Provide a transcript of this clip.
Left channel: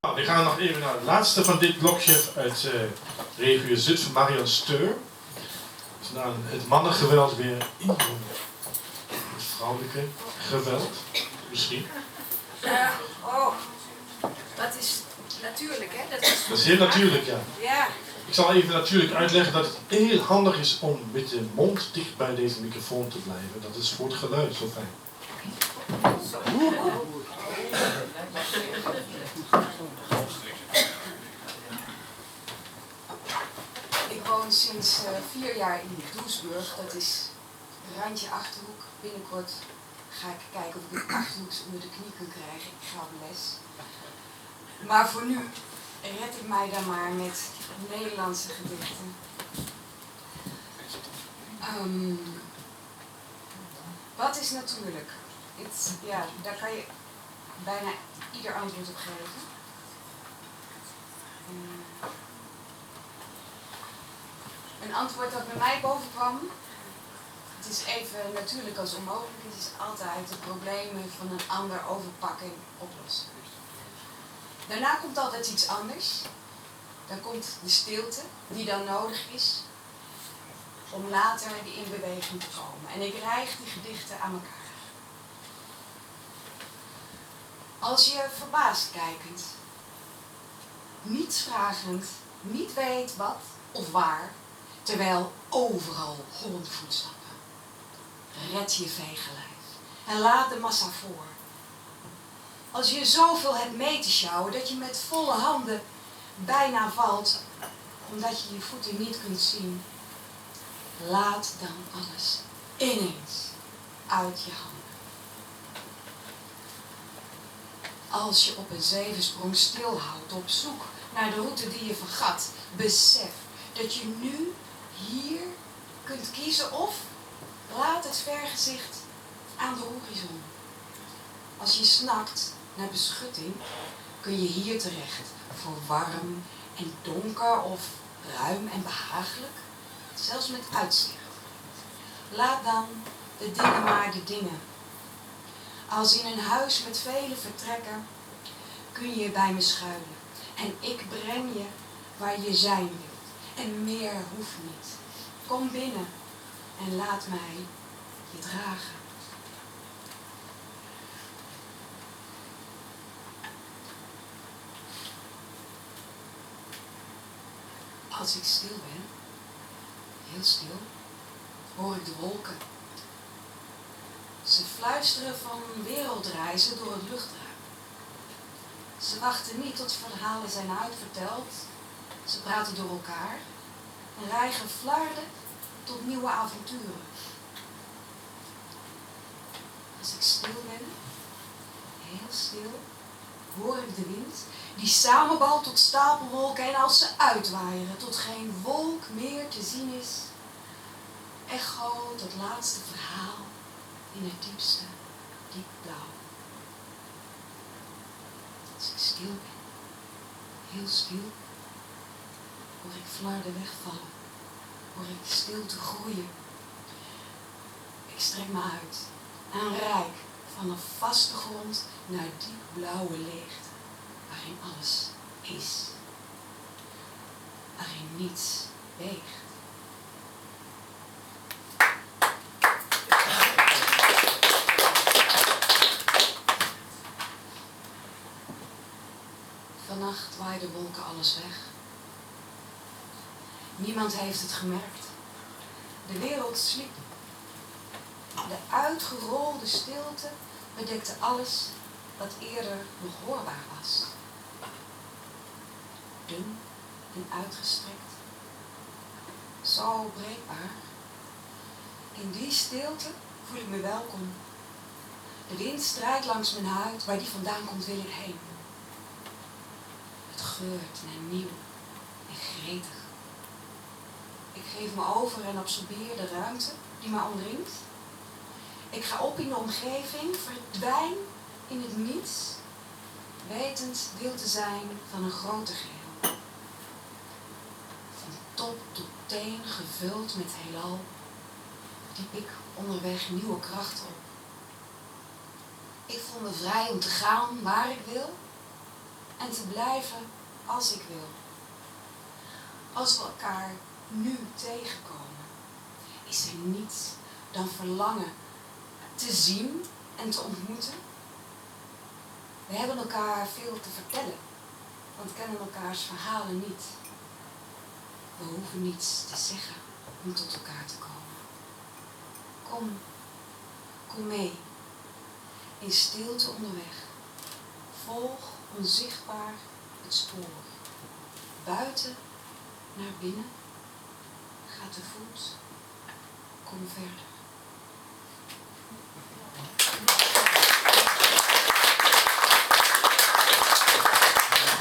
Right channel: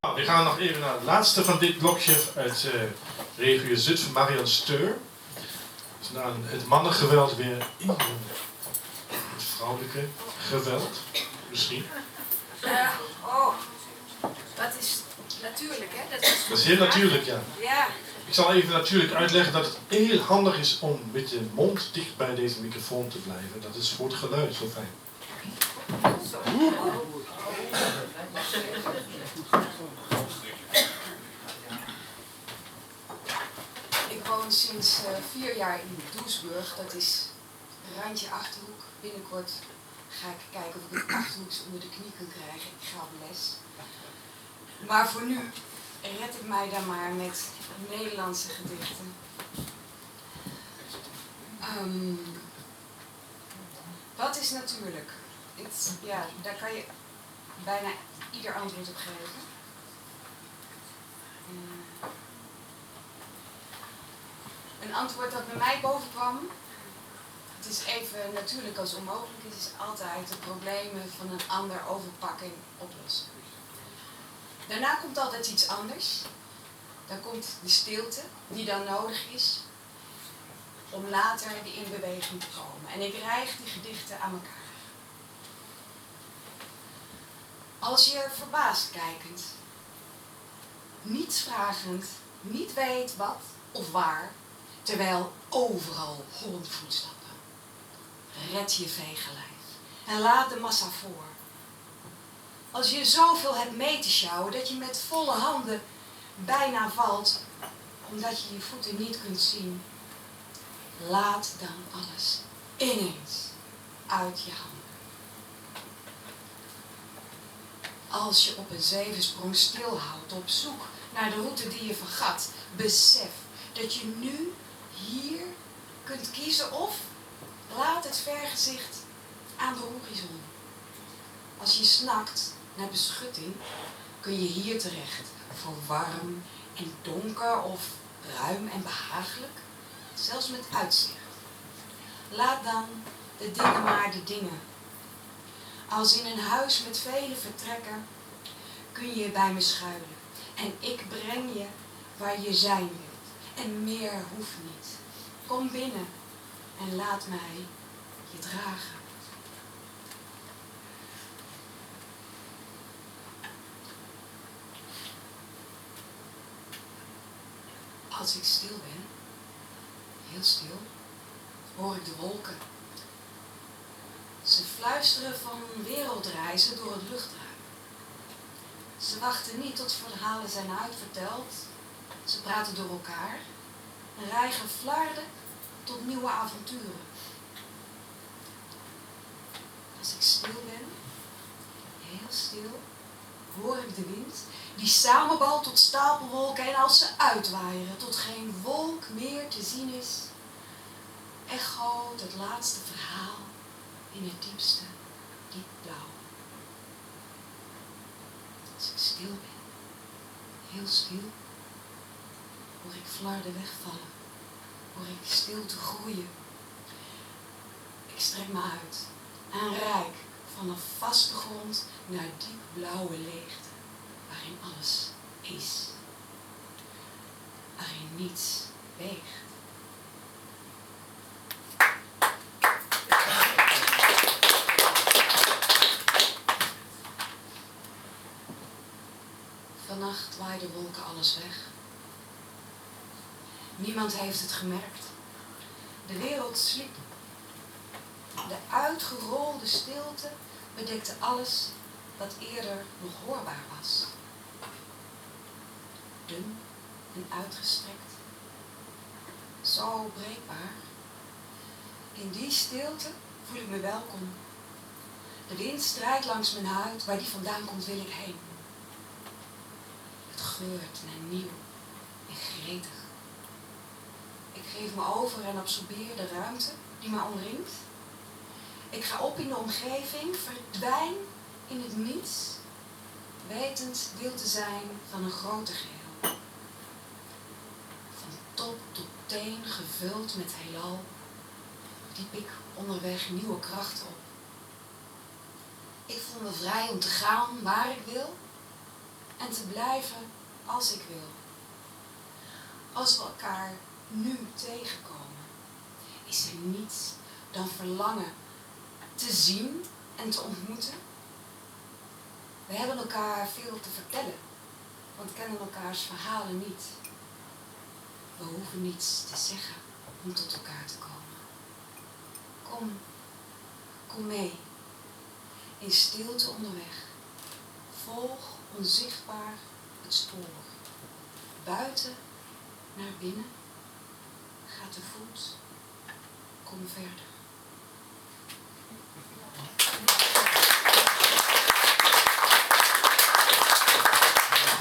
We gaan nog even naar het laatste van dit blokje uit regio Zutphen, Marian Steur. Dus na het mannengeweld weer het vrouwelijke geweld, misschien. Dat is natuurlijk, hè? Dat is heel natuurlijk, ja. Ja. Ik zal even natuurlijk uitleggen dat het heel handig is om met je mond dicht bij deze microfoon te blijven. Dat is voor het geluid zo fijn. Ik woon sinds 4 jaar in Doesburg. Dat is randje Achterhoek. Binnenkort ga ik kijken of ik het Achterhoeks onder de knie kan krijgen. Ik ga op les. Maar voor nu red ik mij dan maar met Nederlandse gedichten. Wat is natuurlijk? Daar kan je bijna ieder antwoord op geven. Een antwoord dat bij mij boven kwam. Het is even natuurlijk als onmogelijk. Het is altijd de problemen van een ander overpakken en oplossen. Daarna komt altijd iets anders. Dan komt de stilte die dan nodig is om later in beweging te komen. En ik rijg die gedichten aan elkaar. Als je verbaasd kijkend, niets vragend, niet weet wat of waar, terwijl overal hollende voetstappen. Red je vegenlijf en laat de massa voor. Als je zoveel hebt mee te sjouwen dat je met volle handen bijna valt, omdat je je voeten niet kunt zien, laat dan alles ineens uit je handen. Als je op een zevensprong stilhoudt op zoek naar de route die je vergat, besef dat je nu hier kunt kiezen of laat het vergezicht aan de horizon. Als je snakt naar beschutting, kun je hier terecht voor warm en donker of ruim en behagelijk, zelfs met uitzicht. Laat dan de dingen maar de dingen. Als in een huis met vele vertrekken kun je bij me schuilen en ik breng je waar je zijn wilt en meer hoeft niet. Kom binnen en laat mij je dragen. Als ik stil ben, heel stil, hoor ik de wolken. Ze fluisteren van wereldreizen door het luchtruim. Ze wachten niet tot verhalen zijn uitverteld. Ze praten door elkaar en rijgen flarden tot nieuwe avonturen. Als ik stil ben, heel stil, hoor ik de wind die samenbalt tot stapelwolken en als ze uitwaaieren tot geen wolk meer te zien is, echoot het laatste verhaal in het diepste, diep blauw. Als ik stil ben, heel stil, hoor ik flarden wegvallen, hoor ik stilte groeien. Ik strek me uit naar een rijk van een vaste grond naar diep blauwe leegte, waarin alles is, waarin niets weegt. Vannacht waaiden wolken alles weg. Niemand heeft het gemerkt. De wereld sliep. De uitgerolde stilte bedekte alles wat eerder nog hoorbaar was. Dun en uitgestrekt. Zo breekbaar. In die stilte voel ik me welkom. De wind strijkt langs mijn huid. Waar die vandaan komt wil ik heen. Het geurt naar nieuw en gretig. Ik geef me over en absorbeer de ruimte die me omringt. Ik ga op in de omgeving, verdwijn in het niets, wetend deel te zijn van een groter geheel. Van top tot teen gevuld met heelal, diep ik onderweg nieuwe krachten op. Ik voel me vrij om te gaan waar ik wil en te blijven als ik wil. Als we elkaar nu tegenkomen, is er niets dan verlangen te zien en te ontmoeten. We hebben elkaar veel te vertellen, want kennen elkaars verhalen niet. We hoeven niets te zeggen om tot elkaar te komen. Kom mee, in stilte onderweg. Volg onzichtbaar het spoor. Buiten naar binnen, ga te voet, kom verder.